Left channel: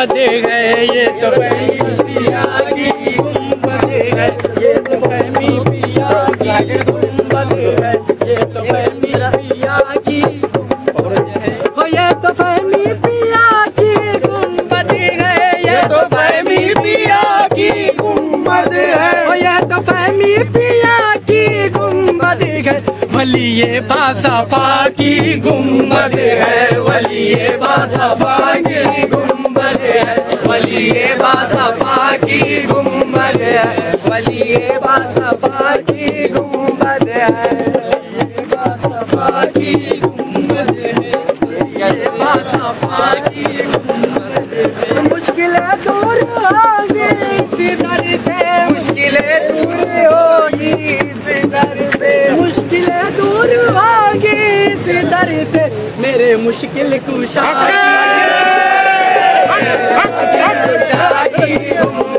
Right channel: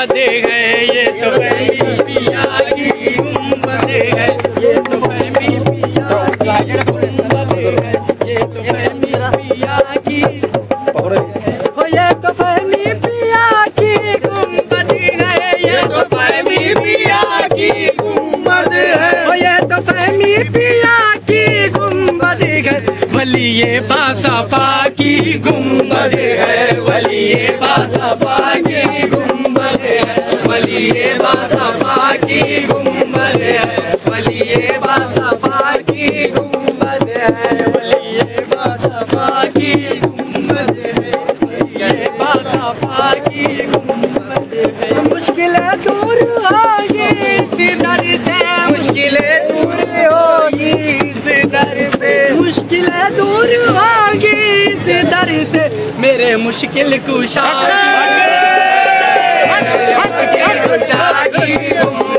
गुम्बद है, ये तो फहमी पिया की गुम्बद है, ये तो फहमी पिया की गुम्बद है, ये तो फहमी पिया की, ये तो फहमी पिया की गुम्बद है, ये तो फहमी पिया की गुम्बद है, ये तो फहमी पिया की गुम्बद है, वलिये बासफा की गुम्बद है, वलिये बासफा की गुम्बद है, वलिये बासफा की गुम्बद है, वलिये बासफा की गुम्बद है, वलिये बासफा की गुम्बद है, वलिये बासफा की गुम्बद है। मुश्किलें दूर होगी इस दर से, मुश्किलें दूर होगी इस दर से, मुश्किलें दूर होगी इस दर से, मेरे मुश्किल कुशा की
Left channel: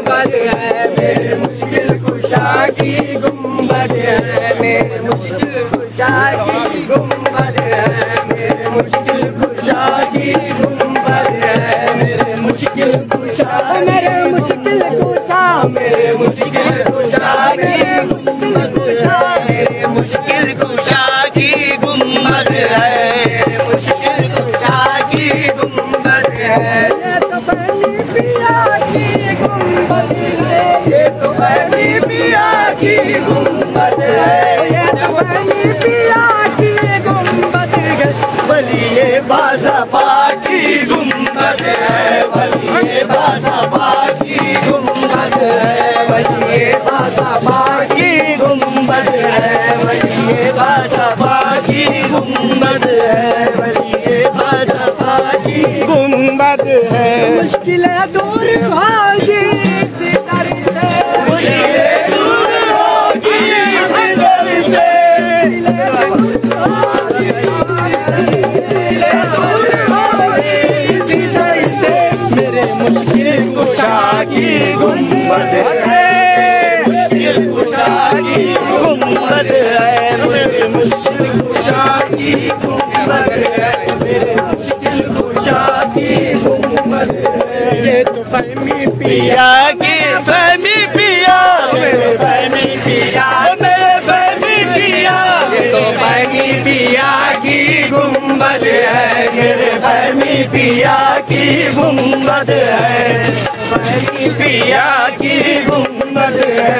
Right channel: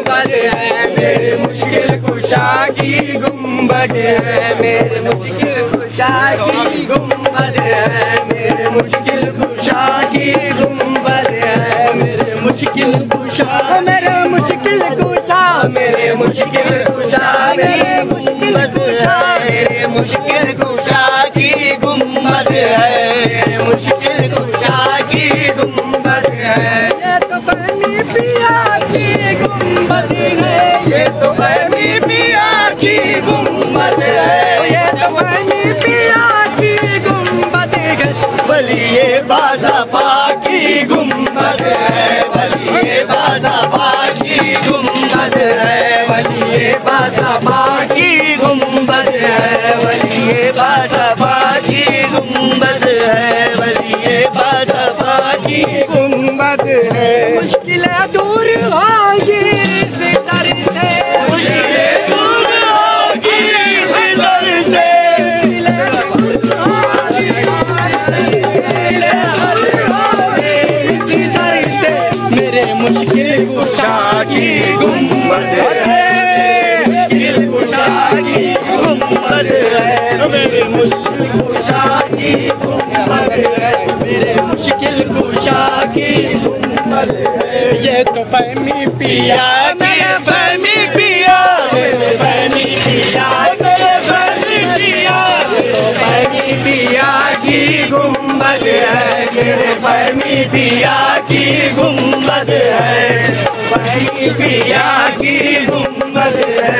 गुम्बद है, मेरे मुश्किल कुशा की गुम्बद है, मेरे मुश्किल कुशा की गुम्बद है, मेरे मुश्किल कुशा की गुम्बद है, मेरे मुश्किल कुशा, मेरे मुश्किल कुशा, मेरे मुश्किल कुशा की मुश्किल कुशा, मेरे मुश्किल कुशा की गुम्बद है, मेरे मुश्किल कुशा की गुम्बद है, ये तो फहमी पिया की गुम्बद है, ये तो फहमी पिया की गुम्बद है, ये तो फहमी पिया की गुम्बद है, वलिये बासफा की गुम्बद है, वलिये बासफा की गुम्बद है, वलिये बासफा की गुम्बद है, वलिये बासफा की गुम्बद है, वलिये बासफा की गुम्बद है। मुश्किलें दूर होगी इस दर से, मुश्किलें दूर होगी इस दर से, मेरे मुश्किल कुशा की गुम्बद है, मुश्किल कुशा की गुम्बद है, मेरे मुश्किल कुशा की गुम्बद है, मेरे मुश्किल कुशा की गुम्बद है, ये तो फहमी पिया की फहमी पिया, मेरे फहमी पिया, मेरे फहमी पिया, ये तो फहमी पिया की गुम्बद है, मेरे फहमी पिया की गुम्बद है, फहमी पिया की गुम्बद है।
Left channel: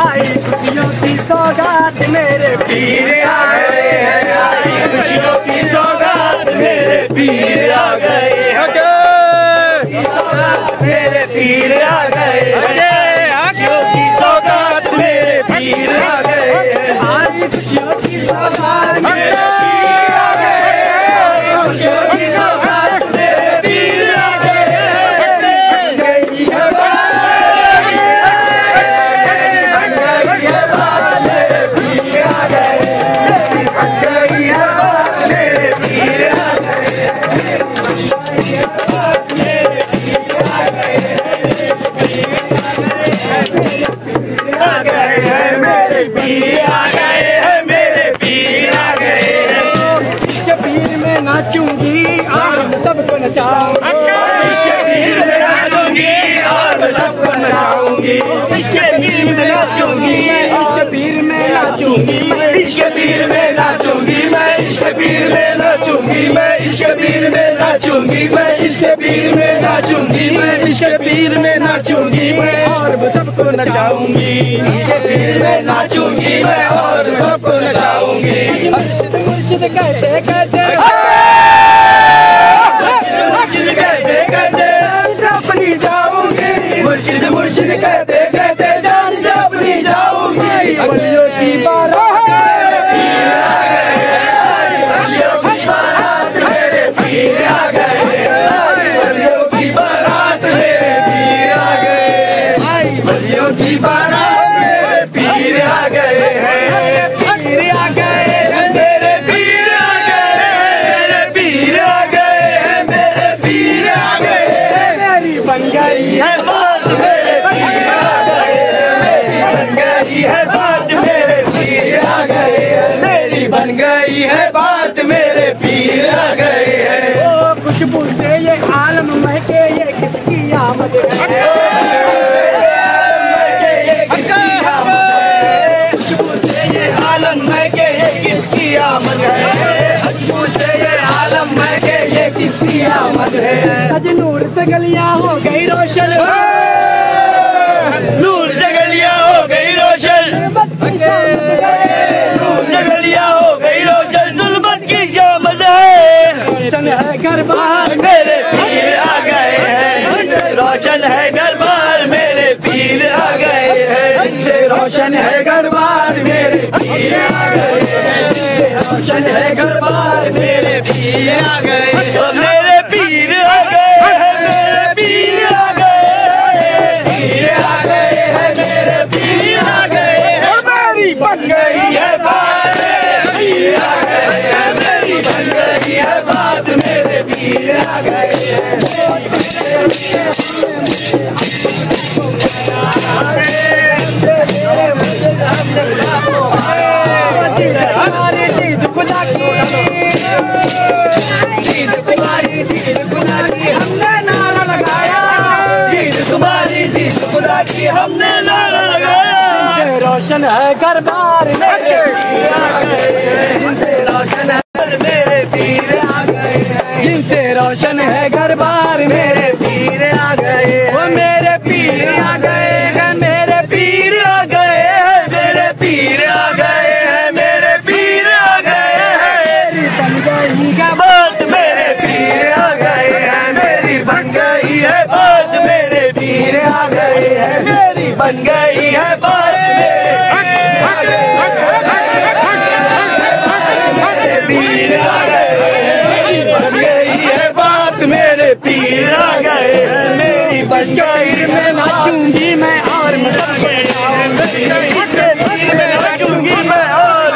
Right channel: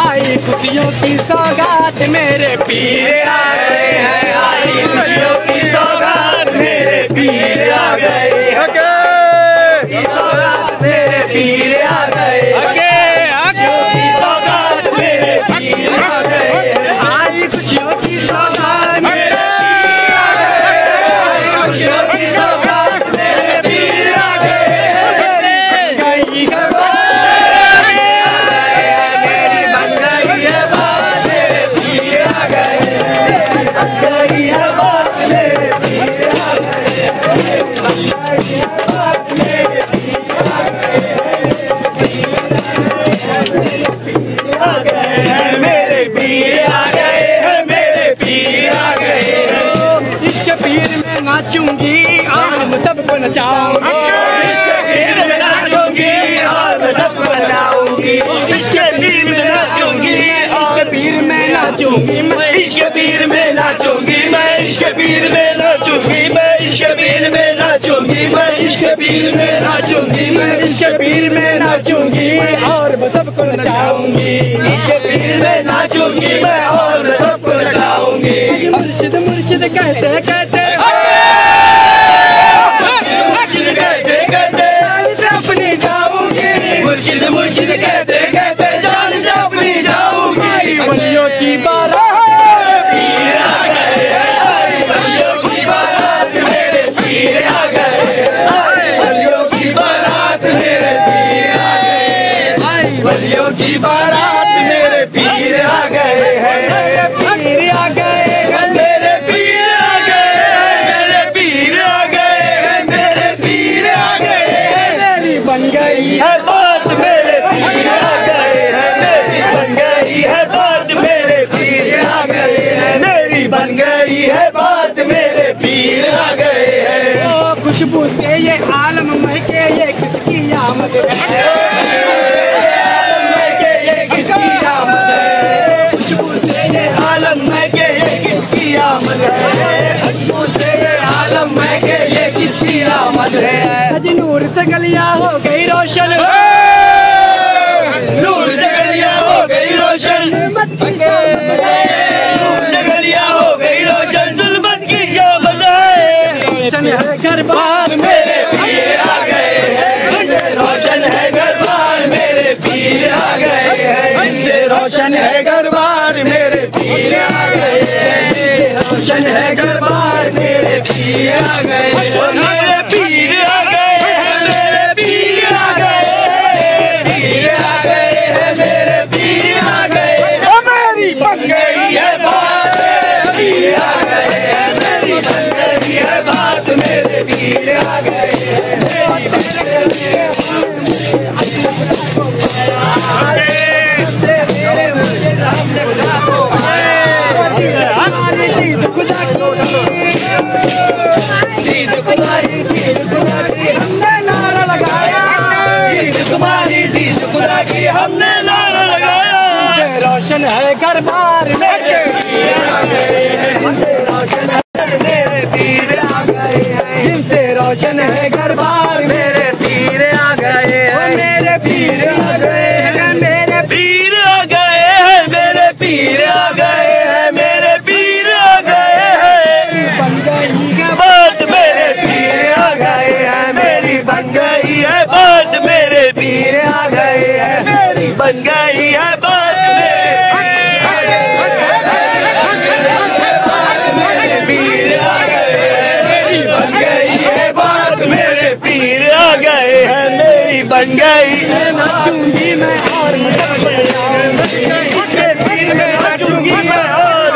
आई खुशियों की सौगात मेरे पीर आए हैं, आई खुशियों की सौगात मेरे पीर आ गए, मेरे पीर आ गए, खुशियों की सौगात मेरे पीर आ गए, आई खुशियों की सौगात मेरे पीर आ गए, आई खुशियों की सौगात मेरे पीर आ गए, गई है बात मेरे पीर आ गए, गई है बात मेरे पीर आ गए, मेरे पीर आ गए हैं, मेरे पीर आ गए हैं, इसके पीर में नाचूंगी और सबको नचाऊंगी, इसके पीर में नाचूंगी और सबको नचाऊंगी, इसके पीर में नाचूंगी, इसके पीर में नाचूंगी, मैं इसके पीर में नाचूंगी, मैं इसके पीर में नाचूंगी, मैं इसके पीर में नाचूंगी, मैं इसके पीर में नाचूंगी, मैं इसके पीर में नाचूंगी, मैं और सबको नचाऊंगी, इसके पीर में नाचूंगी मैं और सबको नचाऊंगी। मुर्शिद मुर्शिद कहते कहते, मुर्शिद कहते कहते अपनी जाऊंगी, मुर्शिद मुर्शिद कहते कहते जान से अपनी जाऊंगी, वलियों की बारात मेरे पीर आ गए, वलियों की बारात मेरे पीर आ गए, वलियों की बारात मेरे पीर आ गए हैं, पीर आ गए हैं, मेरे पीर आ गए, मेरे पीर आ गए हैं, मेरे पीर आ गए हैं, मेरी बन गई है बात मेरे पीर आ गए हैं, मेरी बन गई है बात मेरे पीर आ गए हैं, मेरी बन गई है बात मेरे पीर आ गए हैं। खुशबू से ये आलम महके, ये किसकी आलम में के ये किसकी आमद है, पूछे ये आलम में के ये किसकी आमद है। आज नूर से गलियां हो गई रोशन, नूर से गलियां हो गई रोशन, नूर से गलियां हो गई रोशन, जुल्मत की शामद है। रोशन है घर बार मेरे पीर आ गए हैं, रोशन है घर बार मेरे पीर आ गए हैं, रोशन है घर बार मेरे पीर आ गए हैं, रोशन है घर बार मेरे पीर आ गए, मेरे पीर आ गए हैं, मेरे पीर आ गए हैं, पीर आ गए हैं, मेरे पीर आ गए, हमारी बन गई है बात, पीर आ गए हैं, मेरी बन गई है बात, मेरे पीर आ गए हमने नारा लगाया, रोशन है घर बार मेरे पीर आ गए, रोशन है मेरे पीर आ गए, जिनसे रोशन है घर बार मेरे पीर आ गए, मेरे पीर आ गए हैं, मेरे पीर आ गए हैं, मेरे पीर आ गए हैं, मेरे पीर आ गए हैं, बन गई है बात मेरे पीर आ गए हैं, मेरी बन गई है बात मेरे पीर आ गए हैं, मेरी बन गई है बात मेरे पीर आ गए हैं, मेरी बन गई है, नाचूंगी मैं और इसके पीर में नाचूंगी मैं और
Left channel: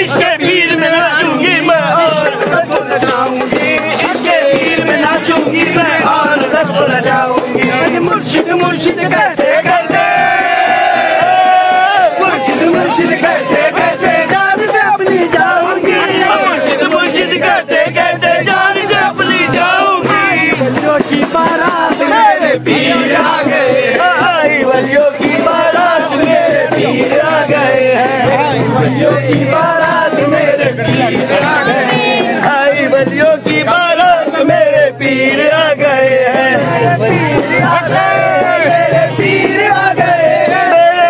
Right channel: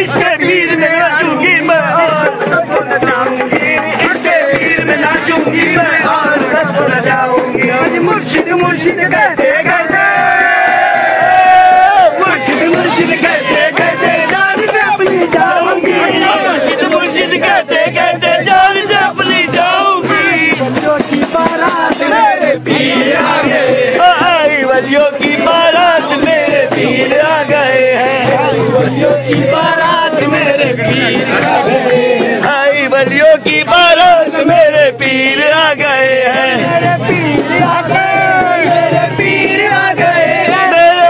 इसके पीर में नाचूंगी मैं और इसके पीर में नाचूंगी मैं और जाऊंगी, मुर्शिद मुर्शिद कहते कहते, मुर्शिद मुर्शिद कहते कहते जान से अपनी जाऊंगी, मुर्शिद मुर्शिद कहते कहते जान से अपनी जाऊंगी, वलियों की बारात मेरे पीर आ गए, वलियों की बारात मेरे पीर आ गए हैं, वलियों की बारात मेरे पीर आ गए हैं, वलियों की बारात मेरे पीर आ गए हैं, मेरे पीर आ गए, मेरे पीर आ गए, मेरे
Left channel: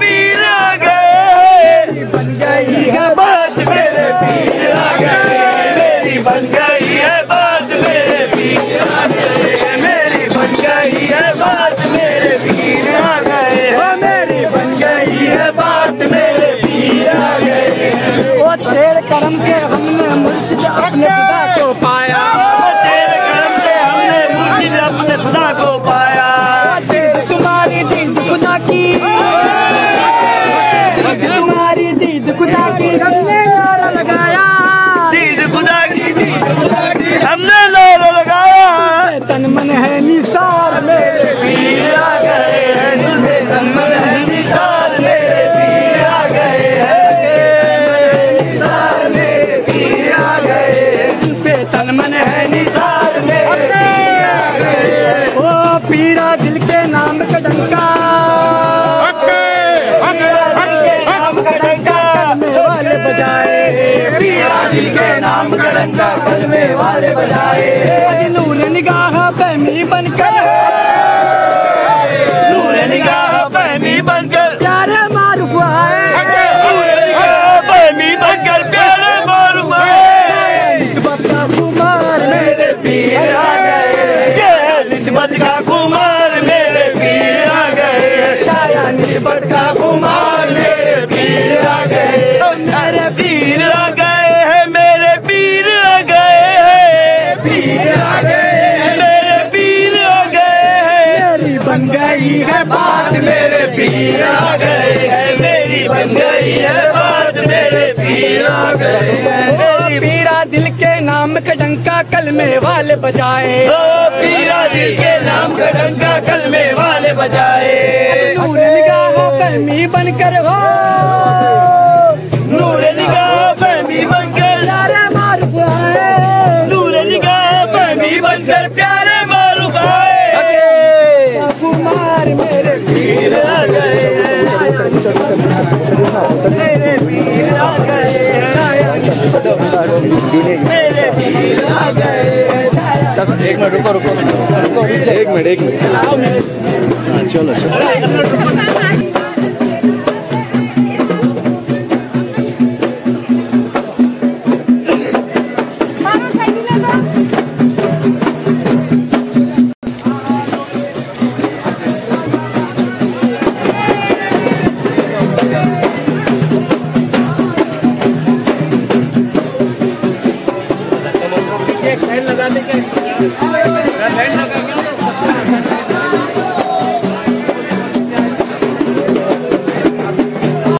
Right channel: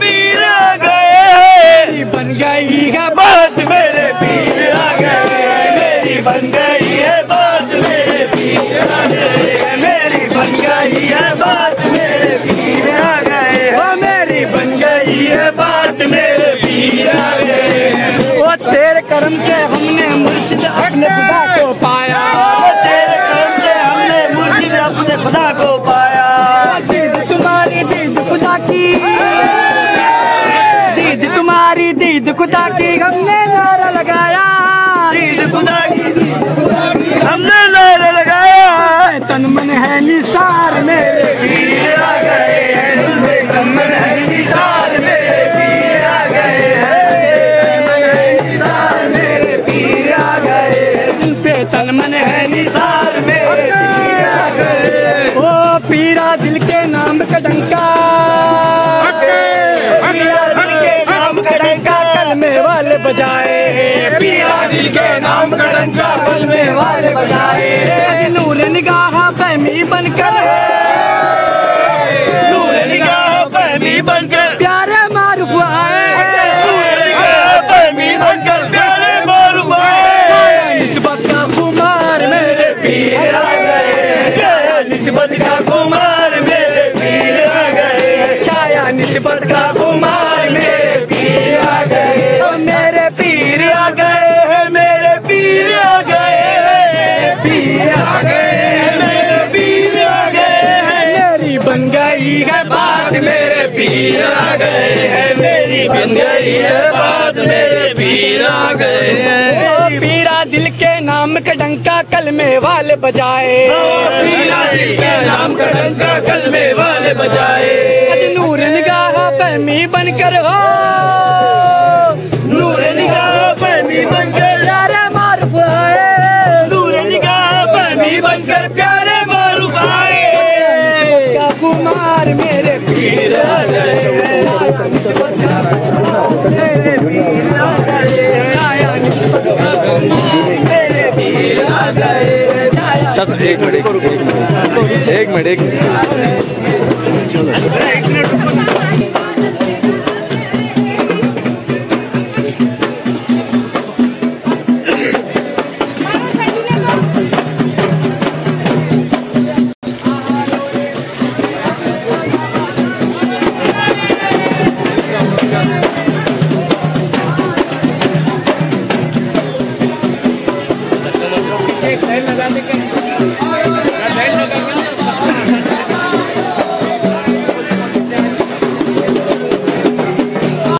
पीर आ गए, मेरी बन गई है बात मेरे पीर आ गए, मेरी बन गई है बात मेरे पीर आ गए, मेरी बन गई है बात मेरे पीर आ गए, मेरी बन गई है बात मेरे पीर आ गए, वो तेरे करम से हमने मुर्शिद अपने खुदा को पाया, तेरे करम से हमने मुर्शिद अपने खुदा को पाया, दीद तुम्हारी दीद खुदा की, दीद तुम्हारी दीद खुदा की हमने नारा लगाया, दीद खुदा की दीद खुदा की हमने नारा लगाया, तन मन है निसार मेरे पीर आ गए हैं, तन मन है निसार मेरे पीर आ गए हैं, निसार मेरे पीर आ गए हैं, तन मन है निसार मेरे पीर आ गए, ओ पीरा दिल के नाम का डंका, पीरा दिल के नाम का डंका कलमे वाले बजाए, पीरा दिल के नाम का डंका कलमे वाले बजाए, नूर निगाह फहमी बनकर, नूर निगाह फहमी बनकर प्यारे मारूफ आए, नूर निगाह फहमी बनकर प्यारे मारूफ आए, निस्बत का कुमार मेरे पीर आ गए, निस्बत का कुमार मेरे पीर आ गए, छाया निस्बत का कुमार मेरे पीर आ गए, मेरे पीर आ गए हैं, मेरे पीर आ गए हैं, पीर आ गए, मेरे पीर आ गए हैं, मेरी बन गई है बात मेरे पीर आ गए हैं, मेरी बन गई है बात मेरे पीर आ गए हैं, पीरा दिल के नाम का डंका कलमे वाले बजाए, पीरा दिल के नाम का डंका कलमे वाले बजाए, नूर निगाह फहमी बनकर हो, नूर निगाह फहमी बनकर प्यारे मारूफ आए, नूर निगाह फहमी बनकर प्यारे मारूफ आए, कुमार मेरे पीर आ गए, एक मिनट चलो